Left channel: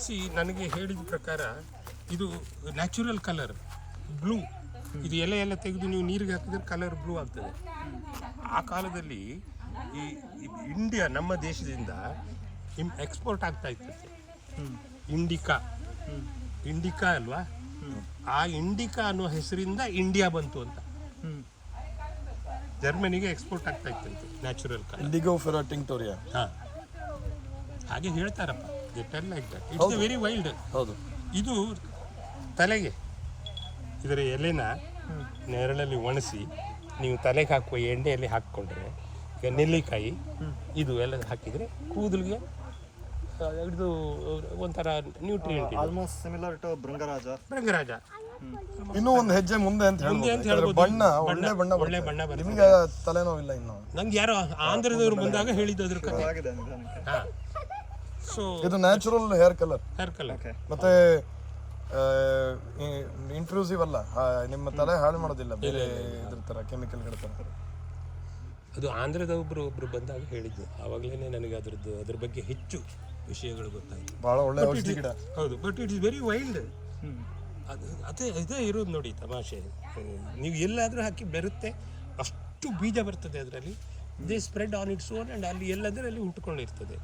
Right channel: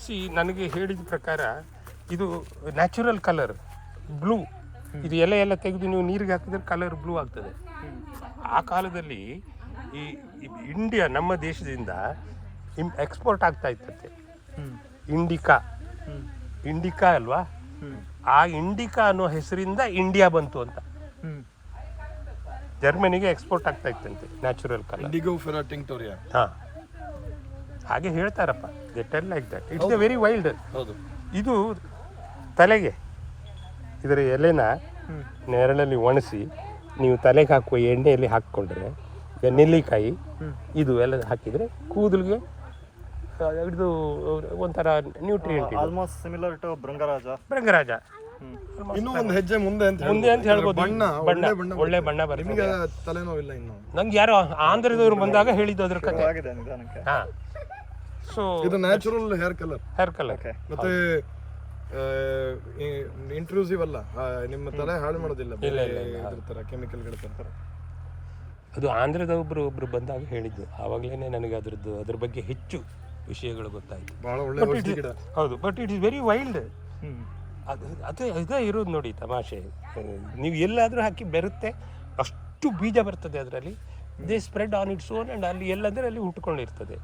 C ನನಗೆ ಹೇಳಿದ ಪ್ರಕಾರ ಇದು ನ್ಯಾಚುರಲ್ ಕಲರ್ ಬ್ಲೂ. ಇದು ಎಲೆ ಎಲ್ಲ ತೆಗೆದು ನೀವು ನೀರಿಗೆ ಹಾಕಿದ್ರೆ ಕಲರ್ ಬ್ಲೂ ಆಗ್ತದೆ. ಆ ಕಾಲದಲ್ಲಿ ಈ ಇಂಡಿಯಾ ನಮ್ಮ ದೇಶದಿಂದ ಇಮ್ ಎಕ್ಸ್ಪೋರ್ಟ್ ಆಗ್ತಾ ಇತ್ತಂತೆ ಇಂಡಿಕಾ. ಇಂಡಿಕಾ ಅಲ್ವಾ? ಆ ಇಂಡಿಕಾ ಅನ್ನೋ ಹೆಸರಿಂದ ಇಂಡಿಯಾ ಬಂತು ಅಂತ. ಜರ್ಮನಿಗೆ ಎಕ್ಸ್ಪೋರ್ಟ್ ಆಗ್ತಾ ಇತ್ತಂತೆ ನ್ಯಾಚುರಲ್ ಕಲರ್. ಹಾ. ಹಾಗೆ ಹೇಳ್ತಾರಪ್ಪ. Get like that it's a very wild ಹೌದು. ಇದು ತಲೆಗೆ. ಇದರ ಎಲೆನ ನೆರಳಲ್ಲಿ ಒಣಸಿ ನೀವು ತಲೆಗೆ ಹಾಕುವ ಎಣ್ಣೆಯಲ್ಲಿ ಹಾಕ್ಕೊಂಡ್ರೆ ಈಗ ನೆಲ್ಲಿಕಾಯಿ ಇದು ಎಲ್ಲ ಹಾಕಿದರೆ ಕೂದಲಿಗೆ ಇದು. ಒಂಥರ nutrient almost similar to bhringraj bhringraj ಇನ್ನೂ ಒಂದು ಹೆಜ್ಜೆ ಮುಂದೆ ಅಂತ ಮುಂದೆ ಅಂತ ಹೇಳ್ಬೋದು. ಹೇಳ್ಬೋದು. ಬಣ್ಣ ಒಳ್ಳೆ ಬಣ್ಣ ಒಳ್ಳೆ ಬಣ್ಣ ಬರ್ತದೆ. ನಿಮಗೆ ತಲೆನೋವಿಲ್ಲ ಇನ್ನು. ನಂಗೆ ಯಾರೋ ಆಂಧ್ರದವ್ರು ಬಂದಾಗ ಹೇಳಿದ್ದು ಅದ್ರ ಕಥೆ ಆಗಿದೆ ನಿಧಾನಕ್ಕೆ. ಹಾಂ. ಸೊ ಇದು natural hair colour hair colour ಮತ್ತೆ ಇಂಟ್ರೂಸಿವ್ ಅಲ್ಲ. ನಿಮ್ಮ ತಲೆ ಹಾಳು ಮಾಡೋದಿಲ್ಲ ಬೇರೆ ಇದ್ರ ತರ ಕೆಮಿಕಲ್ಗಳ ತರ. ಅದು ಆಂಧ್ರದ ಒಬ್ರು ಒಬ್ರು ಬಂದಾಗ ಹೇಳಿದ್ದು. ಆವಾಗಲೇ ನನಗೆ ಅದ್ರದ್ದು ಅದ್ರ ಬಗ್ಗೆ ಹೆಚ್ಚು ವಿಷಯಗಳು ಗೊತ್ತಾಯ್ತು. ಬಹಳ ಒಳ್ಳೆ ಔಷಧಿ ಗಿಡ. ಹೌದು but it is very wild ಅದು ಅದು ಅದೇ ಇದೇ ಇರೋದು ನೋಡಿ ತಮಾಷೆ. ನೀವು ಎಲ್ಲಾದರೂ ಹಾಕಿ ಬೆರುತ್ತೆ ಅಷ್ಟು ಬೀಜ ಬರ್ತದೆ ಅದರಲ್ಲಿ. They spread on its own and ಅಲ್ಲಿ ಎಲ್ಲಂದರೆ ಅಲ್ಲಿ ಹುಟ್ಕೊಂಡಿರ್ತದೆ